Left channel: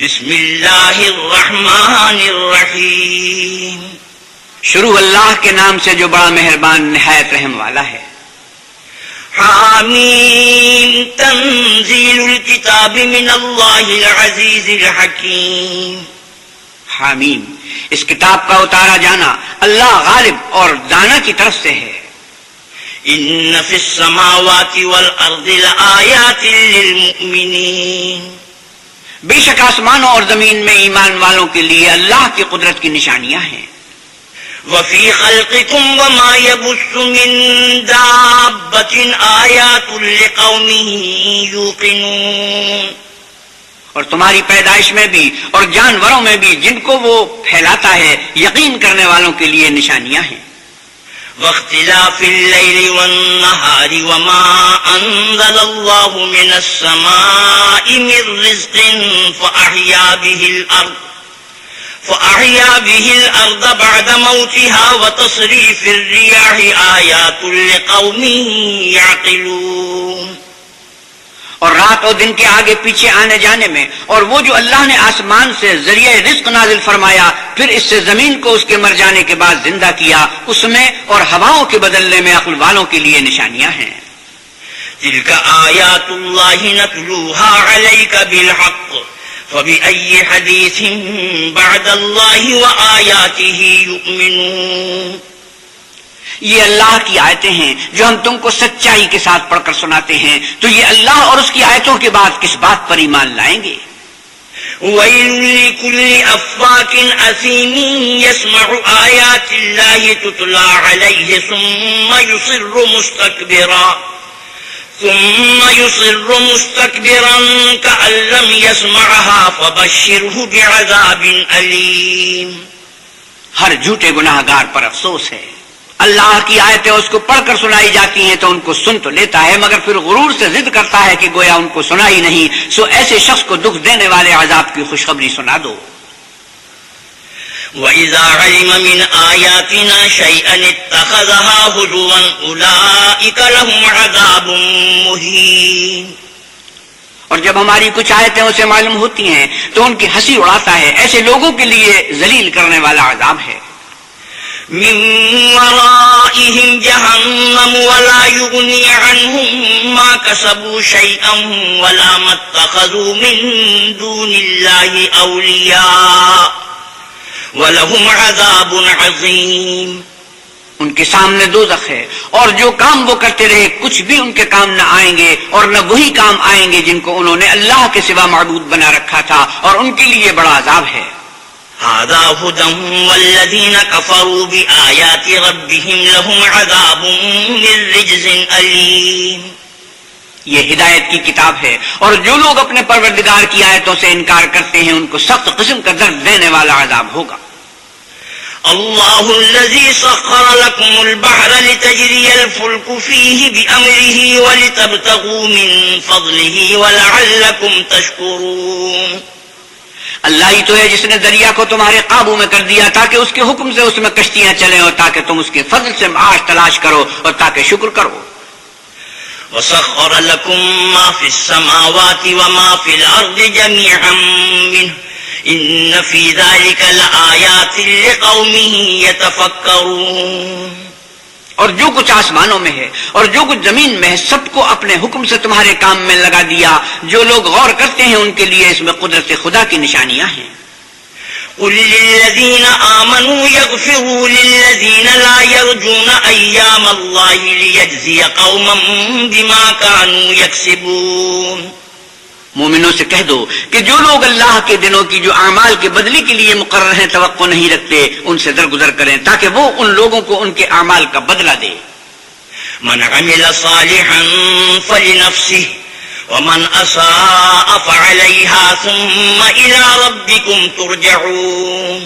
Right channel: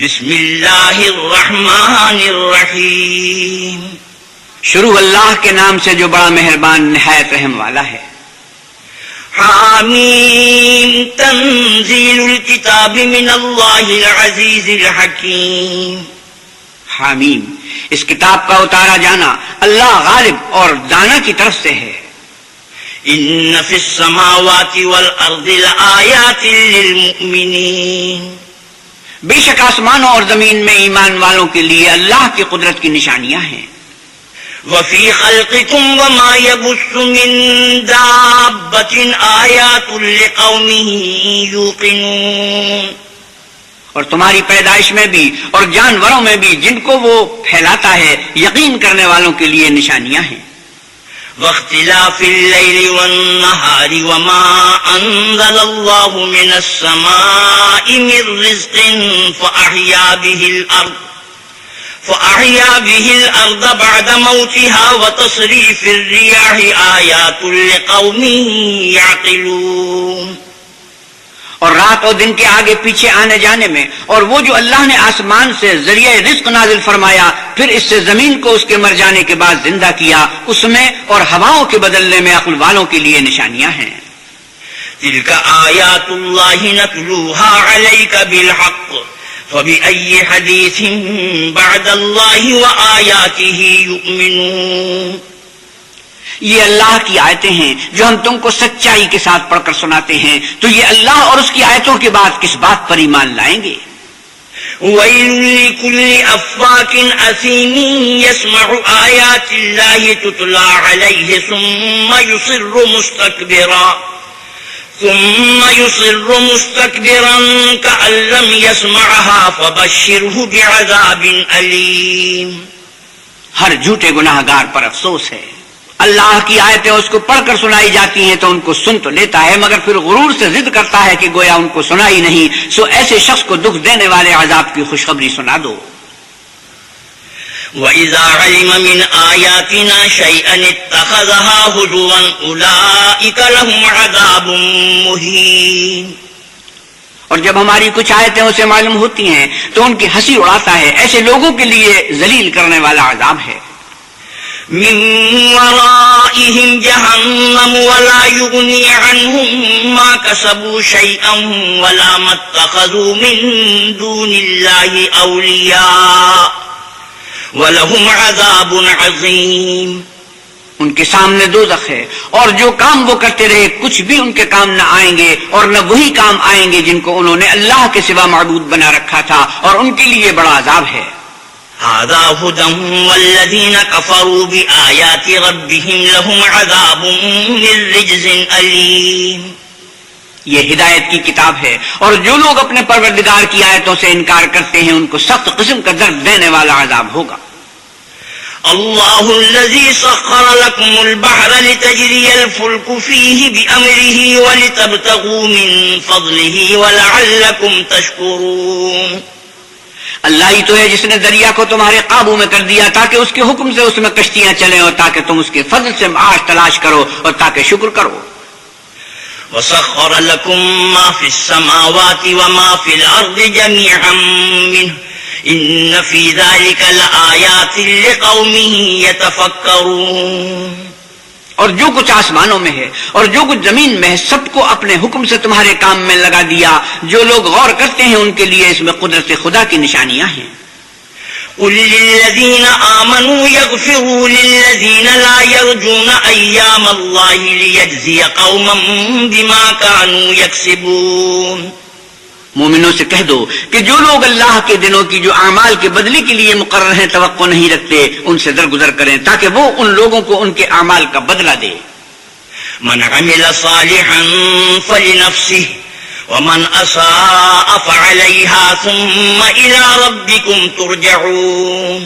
بسم اللہ الرحمن الرحیم، شروع اللہ کے نام سے جو بڑا مہربان نہایت رحم والا ہے۔ حامیم تنزیل الکتاب من اللہ العزیز الحکیم۔ حامیم، اس کتاب کا اتارا جانا اللہ غالب اور دانا کی طرف سے ہے۔ ان فی السماوات والارض لآیات للمؤمنین، بے شک آسمانوں اور زمین میں ایمان والوں کے لیے اللہ کی قدرت کی نشانیاں ہیں۔ وفی خلقکم وما یبث من دابۃ آیات لقوم یوقنون، اور تمہاری پیدائش میں بھی اور جانوروں میں بھی جن کو وہ پھیلاتا ہے یقین کرنے والوں کے لیے نشانیاں ہیں۔ واختلاف اللیل والنہار وما انزل اللہ من السماء من رزق فأحیا به الارض بعد موتها وتصریف الریاح آیات لقوم یعقلون، اور رات اور دن کے آگے پیچھے آنے جانے میں، اور وہ جو اللہ نے آسمان سے ذریعہ رزق نازل فرمایا پھر اس سے زمین کو اس کے مر جانے کے بعد زندہ کیا، اس میں اور ہواؤں کے بدلنے میں عقل والوں کے لیے نشانیاں ہیں۔ تلک آیات اللہ نتلوها علیک بالحق فبأي حدیث بعد اللہ وآیاتہ یؤمنون، یہ اللہ کی آیتیں ہیں جو ہم تم کو سچائی کے ساتھ پڑھ کر سناتے ہیں، تو یہ اللہ اور اس کی آیتوں کے بعد کس بات پر ایمان لائیں گے؟ وَيْلٌ لِكُلِّ أَفَّاكٍ أَثِيمٍ يَسْمَعُ آيَاتِ اللَّهِ تُتْلَى عَلَيْهِ ثُمَّ يُصِرُّ مُسْتَكْبِرًا كَأَن لَّمْ يَسْمَعْهَا فَبَشِّرْهُ بِعَذَابٍ أَلِيمٍ۔ ہر جھوٹے گناہ گار پر افسوس ہے، اللہ کی آیتیں اس کو پڑھ کر سنائی جاتی ہیں تو ان کو سن تو لیتا ہے مگر پھر غرور سے ضد کرتا ہے کہ گویا ان کو سنائی نہیں، سو ایسے شخص کو دکھ دینے والے عذاب کی خوشخبری سنا دو۔ وَإِذَا عَلِمَ مِنْ آيَاتِنَا شَيْئًا اتَّخَذَهَا هُزُوًا أُولَئِكَ لَهُمْ عَذَابٌ مُهِينٌ، اور جب ہماری کچھ آیتیں اسے معلوم ہوتی ہیں تو ان کی ہنسی اڑاتا ہے، ایسے لوگوں کے لیے ذلیل کرنے والا عذاب ہے۔ من ورائهم جہنم ولا یغنی عنهم ما کسبوا شیئا ولا ما اتخذوا من دون اللہ اولیاء ولہم عذاب عظیم، ان کے سامنے دوزخ ہے اور جو کام وہ کرتے رہے کچھ بھی ان کے کام نہ آئیں گے، اور نہ وہی کام آئیں گے جن کو انہوں نے اللہ کے سوا معبود بنا رکھا تھا، اور ان کے لیے بڑا عذاب ہے۔ هذا هدى والذين كفروا بآيات ربهم لهم عذاب من رجز أليم، یہ ہدایت کی کتاب ہے اور جو لوگ اپنے پروردگار کی آیتوں سے انکار کرتے ہیں ان کو سخت قسم کا درد دینے والا عذاب ہوگا۔ اللہ الذي سخر لكم البحر لتجري الفلك فيه بأمره ولتبتغوا من فضله ولعلكم تشكرون، اللہ ہی تو ہے جس نے دریا کو تمہارے قابو میں کر دیا تاکہ اس کے حکم سے اس میں کشتیاں چلیں اور تاکہ تم اس کے فضل سے معاش تلاش کرو اور تاکہ شکر کرو۔ وَسَخَّرَ لَكُم مَّا فِي السَّمَاوَاتِ وَمَا فِي الْأَرْضِ جَمِيعًا مِّنْهُ إِنَّ فِي ذَلِكَ لَآيَاتٍ لِقَوْمٍ يَتَفَكَّرُونَ، اور جو کچھ آسمانوں میں ہے اور جو کچھ زمین میں ہے سب کو اپنے حکم سے تمہارے کام میں لگا دیا، جو لوگ غور کرتے ہیں ان کے لیے اس میں قدرت خدا کی نشانیاں ہیں۔ قُل لِّلَّذِينَ آمَنُوا يَغْفِرُوا لِلَّذِينَ لَا يَرْجُونَ أَيَّامَ اللَّهِ لِيَجْزِيَ قَوْمًا بِمَا كَانُوا يَكْسِبُونَ، مومنوں سے کہہ دو کہ جو لوگ اللہ کے دنوں کی جو اعمال کے بدلے کے لیے مقرر ہیں توقع نہیں رکھتے ان سے درگزر کریں تاکہ وہ ان لوگوں کو ان کے اعمال کا بدلہ دے۔ من عمل صالحا فلنفسه ومن اساء فعليها ثم الى ربكم ترجعون،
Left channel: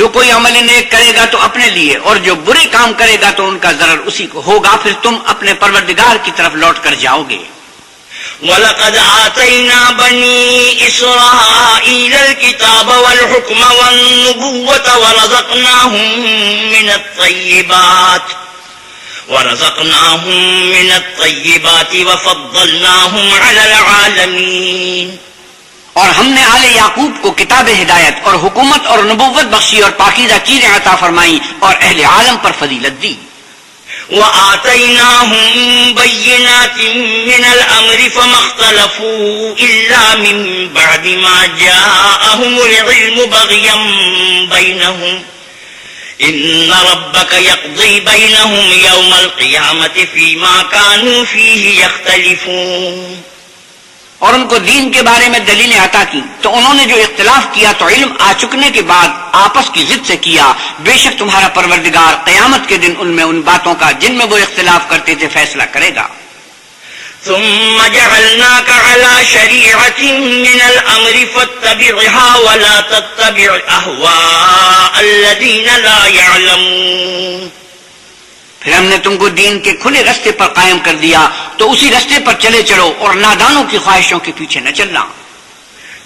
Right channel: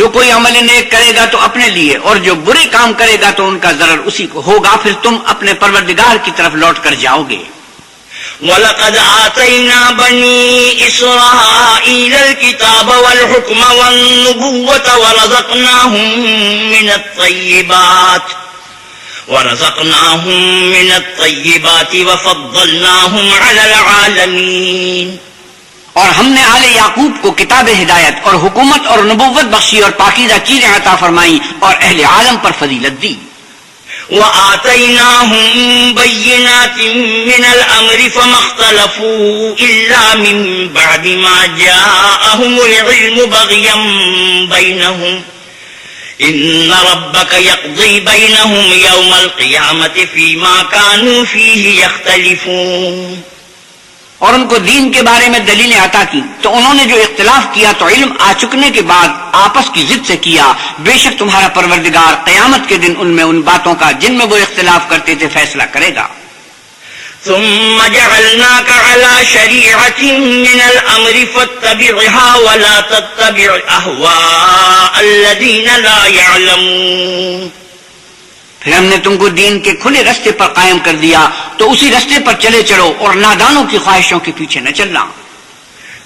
جو کوئی عمل نیک کرے گا تو اپنے لیے اور جو برے کام کرے گا تو ان کا ضرر اسی کو ہوگا، پھر تم اپنے پروردگار کی طرف لوٹ کر جاؤ گے۔ وَلَقَدْ آتَيْنَا بَنِي إِسْرَائِيلَ الْكِتَابَ وَالْحُكْمَ وَالنُّبُوَّةَ ورزقناهم من الطيبات وفضلناهم على العالمين، اور ہم نے آل یعقوب کو کتاب ہدایت اور حکومت اور نبوت بخشی اور پاکیزہ چیزیں عطا فرمائیں اور اہل عالم پر فضیلت دی. وآتيناهم بينات من الأمر فما اختلفوا إلا من بعد ما جاءهم العلم بغيا بينهم إن ربك يقضي بينهم يوم القيامة فيما كانوا فيه يختلفون. اور ان کو دین کے بارے میں دلیلیں عطا کی تو انہوں نے جو اختلاف کیا تو علم آ چکنے کے بعد آپس کی ضد سے کیا. بے شک تمہارا پروردگار قیامت کے دن ان میں ان باتوں کا جن میں وہ اختلاف کرتے تھے فیصلہ کرے گا. ثم جعلناك على شريعة من الأمر فاتبعها ولا تتبع أهواء الذين لا يعلمون. پھر ہم نے تم کو دین کے کھلے رستے پر قائم کر دیا تو اسی رستے پر چلے چلو اور نادانوں کی خواہشوں کے پیچھے نہ چلنا.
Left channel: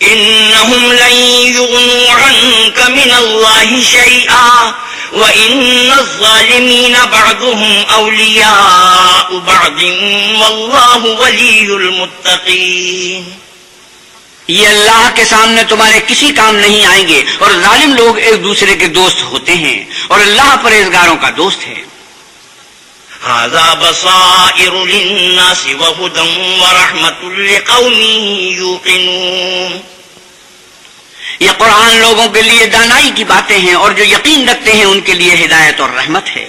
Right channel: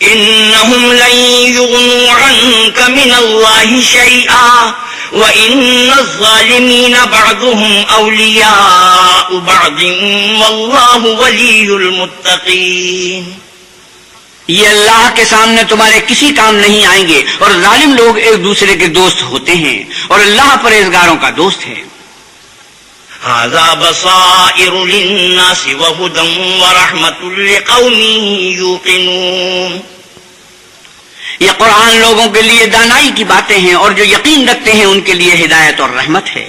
إنهم لن يغنوا عنك من الله شيئا وإن الظالمين بعضهم أولياء بعض والله ولي المتقين. یہ اللہ کے سامنے تمہارے کسی کام نہیں آئیں گے اور ظالم لوگ ایک دوسرے کے دوست ہوتے ہیں اور اللہ پرہیزگاروں کا دوست ہے. هذا بصائر للناس وهدى ورحمة لقوم يوقنون. یہ قرآن لوگوں کے لیے دانائی کی باتیں ہیں اور جو یقین رکھتے ہیں ان کے لیے ہدایت اور رحمت ہے.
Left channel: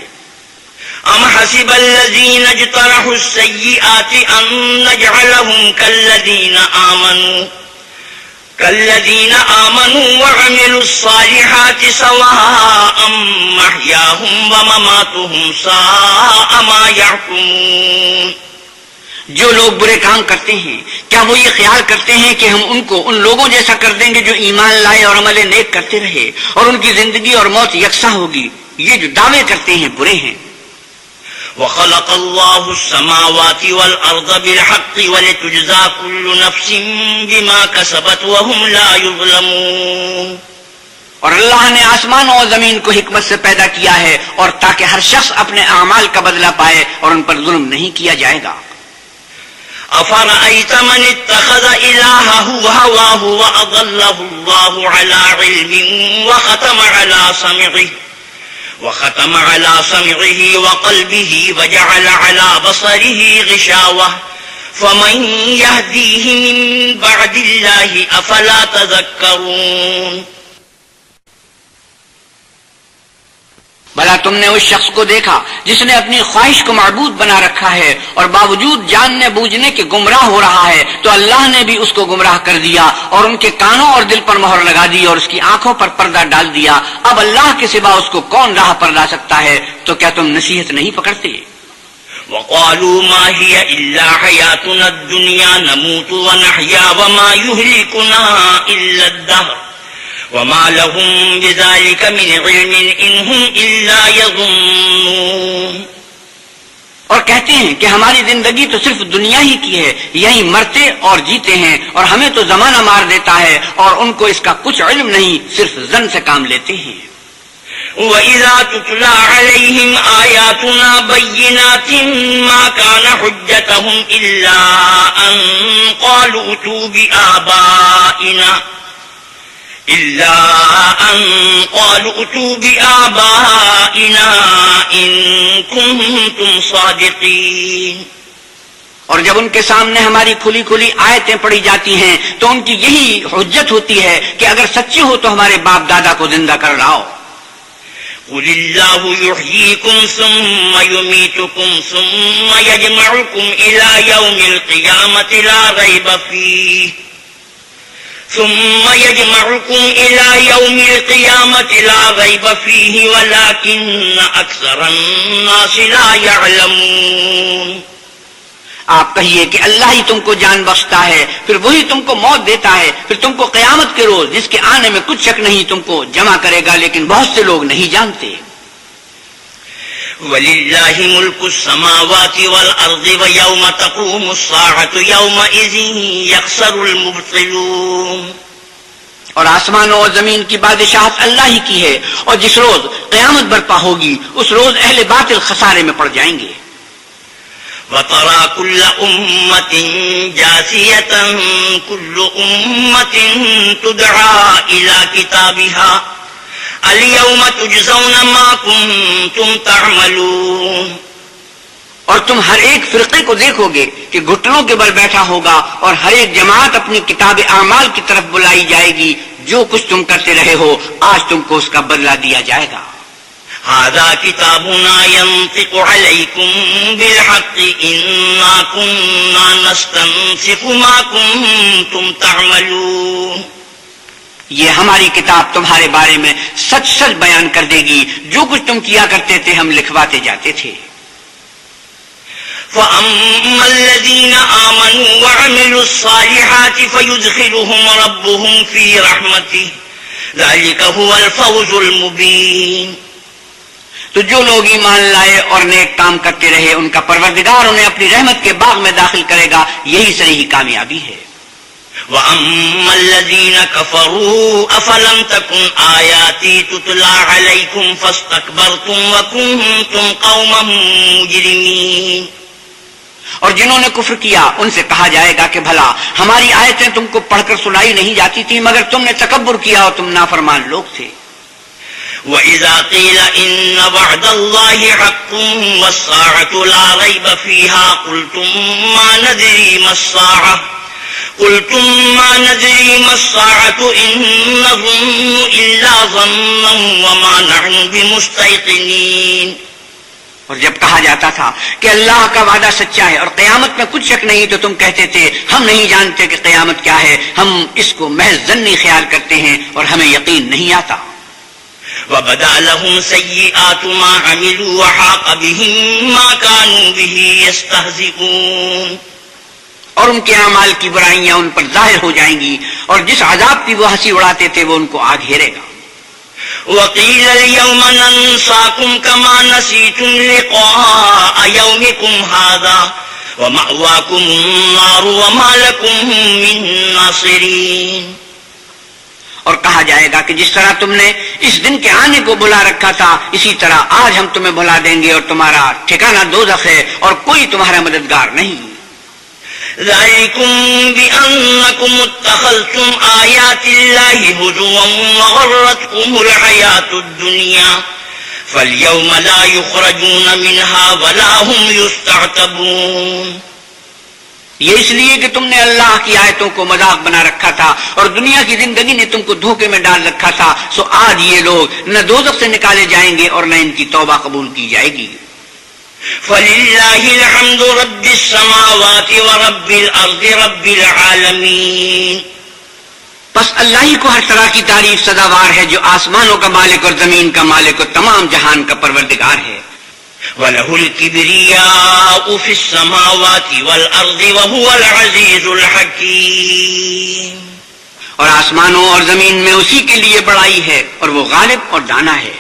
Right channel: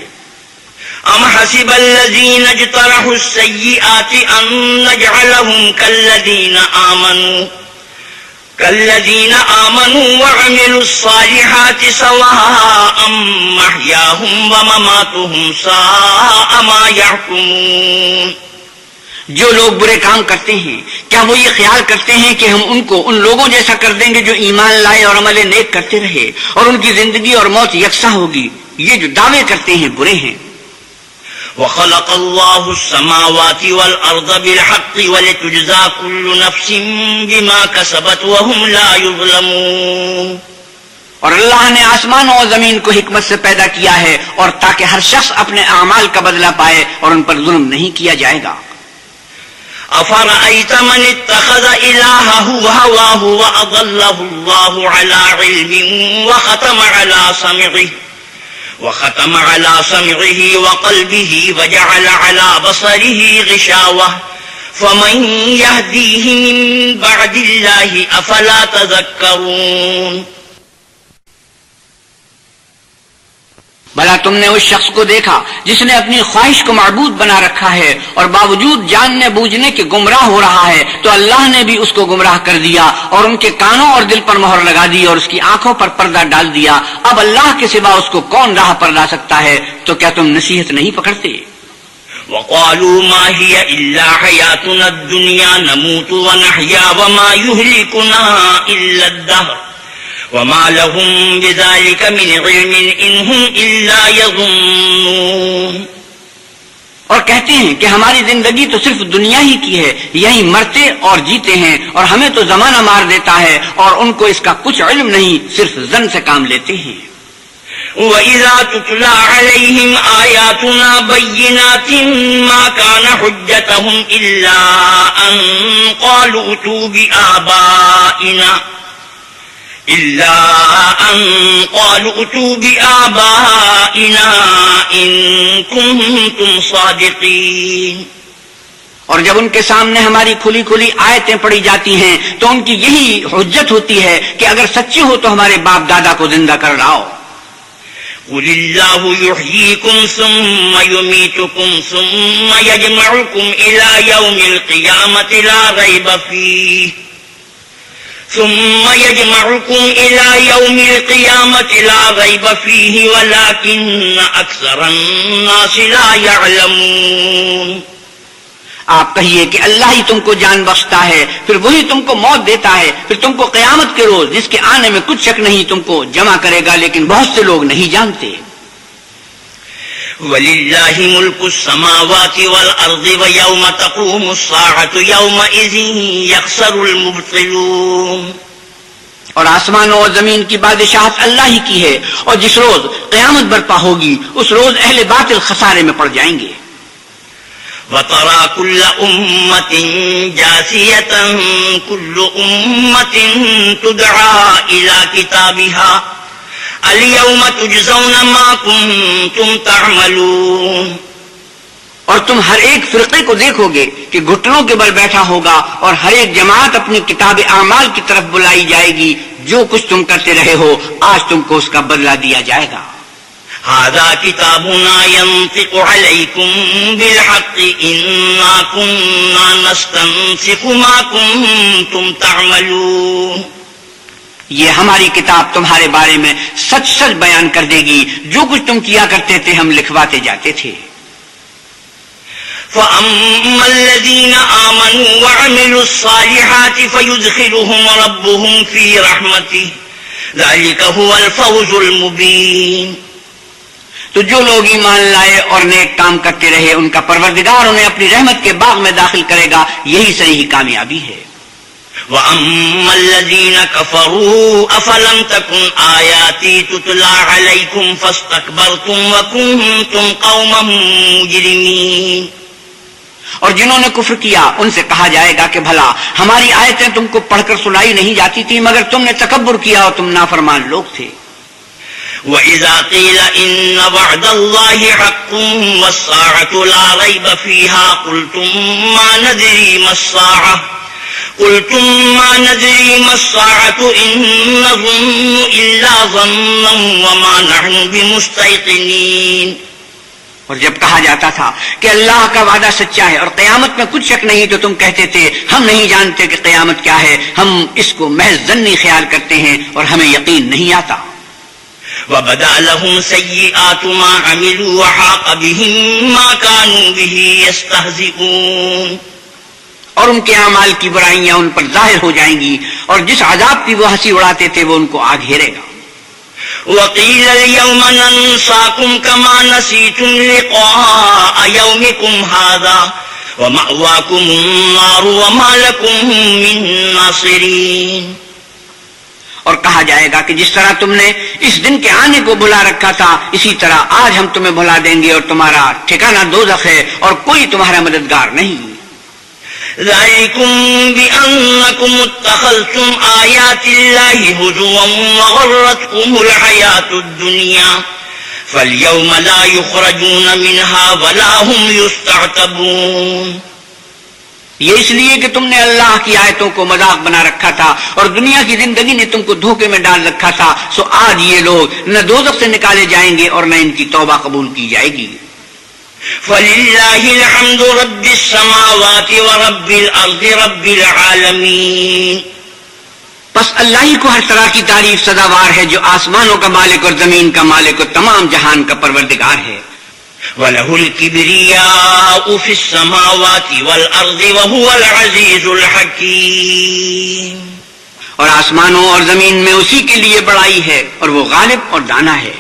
ام حسب الذين اجترحوا السيئات ان نجعلهم كالذين آمنوا وعملوا الصالحات سواء محياهم ومماتهم ساء ما يحكمون. جو لوگ برے کام کرتے ہیں کیا وہ یہ خیال کرتے ہیں کہ ہم ان کو ان لوگوں جیسا کر دیں گے جو ایمان لائے اور عمل نیک کرتے رہے اور ان کی زندگی اور موت یکساں ہوگی؟ یہ جو دعوے کرتے ہیں برے ہیں. وخلق الله السماوات والأرض بالحق ولتجزى كل نفس بما كسبت وهم لا يظلمون. اور اللہ نے آسمانوں اور زمین کو حکمت سے پیدا کیا ہے اور تاکہ ہر شخص اپنے اعمال کا بدلہ پائے اور ان پر ظلم نہیں کیا جائے گا. أفرأيت من اتخذ إلهه هواه وأضله الله على علم وختم على سمعه وقلبه وجعل على بصره غشاوة فمن يهديه من بعد الله أفلا تذكرون. بھلا تم نے اس شخص کو دیکھا جس نے اپنی خواہش کو معبود بنا رکھا ہے اور باوجود جاننے بوجھنے کے گمراہ ہو رہا ہے تو اللہ نے بھی اس کو گمراہ کر دیا اور ان کے کانوں اور دل پر مہر لگا دی اور اس کی آنکھوں پر پردہ ڈال دیا. اب اللہ کے سوا اس کو کون راہ پر لا سکتا ہے؟ تو کیا تم نصیحت نہیں پکڑتے؟ وقالوا ما هي إلا حياتنا الدنيا نموت ونحيا وما يهلكنا إلا الدهر وما لهم بذلك من علم إن هم إلا يظنون. اور کہتے ہیں کہ ہماری زندگی تو صرف دنیا ہی کی ہے، یہی مرتے اور جیتے ہیں اور ہمیں تو زمانہ مار دیتا ہے اور ان کو اس کا کچھ علم نہیں، صرف ظن سے کام لیتے ہیں. وَإِذَا تُتْلَى عَلَيْهِمْ آيَاتُنَا بَيِّنَاتٍ مَا كَانَ حُجَّتُهُمْ إِلَّا أَن قَالُوا ائْتُوا بِآبَائِنَا إِن كُنتُمْ صَادِقِينَ. اور جب ان کے سامنے ہماری کھلی کھلی آیتیں پڑھی جاتی ہیں تو ان کی یہی حجت ہوتی ہے کہ اگر سچے ہو تو ہمارے باپ دادا کو زندہ کر لاؤ. قُلِ اللَّهُ يُحْيِيكُمْ ثُمَّ يُمِيتُكُمْ ثُمَّ يَجْمَعُكُمْ إِلَى يَوْمِ الْقِيَامَةِ لَا رَيْبَ فِيهِ وَلَكِنَّ أَكْثَرَ النَّاسِ لَا يَعْلَمُونَ. آپ کہیے کہ اللہ ہی تم کو جان بخشتا ہے، پھر وہی تم کو موت دیتا ہے، پھر تم کو قیامت کے روز جس کے آنے میں کچھ شک نہیں تم کو جمع کرے گا، لیکن بہت سے لوگ نہیں جانتے. وَلِلَّهِ مُلْكُ السَّمَاوَاتِ وَالْأَرْضِ وَيَوْمَ تَقُومُ السَّاعَةُ يَوْمَئِذٍ يَخْسَرُ الْمُبْطِلُونَ. اور آسمانوں اور زمین کی بادشاہت اللہ ہی کی ہے، اور جس روز قیامت برپا ہوگی اس روز اہل باطل خسارے میں پڑ جائیں گے. وَتَرَى كُلَّ أُمَّةٍ جَاثِيَةً كُلُّ أُمَّةٍ تُدْعَى إِلَى كِتَابِهَا الْيَوْمَ تُجْزَوْنَ مَا كُنتُمْ تَعْمَلُونَ. اور تم ہر ایک فرقے کو دیکھو گے کہ گھٹنوں کے بل بیٹھا ہوگا اور ہر ایک جماعت اپنی کتاب اعمال کی طرف بلائی جائے گی. جو کچھ تم کرتے رہے ہو آج تم کو اس کا بدلہ دیا جائے گا. هذا كتابنا ينطق عليكم بالحق إنا كنا نستنسخ ما كنتم تعملون. یہ ہماری کتاب تمہارے بارے میں سچ سچ بیان کر دے گی. جو کچھ تم کیا کرتے تھے ہم لکھواتے جاتے تھے. فَأَمَّا الَّذِينَ آمَنُوا وَعَمِلُوا الصَّالِحَاتِ فَيُدْخِلُهُمْ رَبُّهُمْ فِي رَحْمَتِهِ ذَلِكَ هُوَ الْفَوْزُ الْمُبِينُ. تو جو لوگ ایمان لائے اور نیک کام کرتے رہے ان کا پروردگار انہیں اپنی رحمت کے باغ میں داخل کرے گا. یہی صحیح کامیابی ہے. وَأَمَّا الَّذِينَ كَفَرُوا أَفَلَمْ تَكُنْ آيَاتِي تُتْلَى عَلَيْكُمْ فَاسْتَكْبَرْتُمْ وَكُنْتُمْ قَوْمًا مُجْرِمِينَ. اور جنہوں نے کفر کیا ان سے کہا جائے گا کہ بھلا ہماری آیتیں تم کو پڑھ کر سنائی نہیں جاتی تھی مگر تم نے تکبر کیا اور تم نافرمان لوگ تھے. وَإِذَا قِيلَ إِنَّ وَعْدَ اللَّهِ حَقٌّ وَالسَّاعَةُ لَا رَيْبَ فِيهَا قُلْتُمْ مَا نَدْرِي مَا السَّاعَةُ إِن نَّظُنُّ إِلَّا ظَنًّا وَمَا نَحْنُ بِمُسْتَيْقِنِينَ. اور جب کہا جاتا تھا کہ اللہ کا وعدہ سچا ہے اور قیامت میں کچھ شک نہیں تو تم کہتے تھے ہم نہیں جانتے کہ قیامت کیا ہے. ہم اس کو محض ظنی خیال کرتے ہیں اور ہمیں یقین نہیں آتا. وَبَدَا لَهُمْ سَيِّئَاتُ مَا عَمِلُوا وَحَاقَ بِهِم مَّا كَانُوا بِهِ يَسْتَهْزِئُونَ. اور ان کے اعمال کی برائیاں ان پر ظاہر ہو جائیں گی اور جس عذاب کی وہ ہنسی اڑاتے تھے وہ ان کو آ گھیرے گا. وَقِيلَ الْيَوْمَ نَنسَاكُمْ كَمَا نَسِيتُمْ لِقَاءَ يَوْمِكُمْ هَٰذَا وَمَأْوَاكُمُ النَّارُ وَمَا لَكُم مِّن نَّاصِرِينَ. اور کہا جائے گا کہ جس طرح تم نے اس دن کے آنے کو بھلا رکھا تھا اسی طرح آج ہم تمہیں بھلا دیں گے اور تمہارا ٹھکانہ دوزخ ہے اور کوئی تمہارا مددگار نہیں. ذَلِكُمْ بِأَنَّكُمُ اتَّخَذْتُمْ آيَاتِ اللَّهِ هُزُوًا وَغَرَّتْكُمُ الْحَيَاةُ الدُّنْيَا فَالْيَوْمَ لَا يُخْرَجُونَ مِنْهَا وَلَا هُمْ يُسْتَعْتَبُونَ. یہ اس لیے کہ تم نے اللہ کی آیتوں کو مذاق بنا رکھا تھا اور دنیا کی زندگی نے تم کو دھوکے میں ڈال رکھا تھا. سو آج یہ لوگ نہ دوزخ سے نکالے جائیں گے اور نہ ان کی توبہ قبول کی جائے گی. فَلِلَّهِ الْحَمْدُ رَبِّ السَّمَاوَاتِ وَرَبِّ الْأَرْضِ رَبِّ الْعَالَمِينَ. بس اللہ ہی کو ہر طرح کی تعریف سزاوار ہے جو آسمانوں کا مالک اور زمین کا مالک اور تمام جہان کا پروردگار ہے. وَلَهُ الْكِبْرِيَاءُ فِي السَّمَاوَاتِ وَالْأَرْضِ وَهُوَ الْعَزِيزُ الْحَكِيمُ. اور آسمانوں اور زمین میں اسی کے لیے بڑائی ہے اور وہ غالب اور دانا ہے.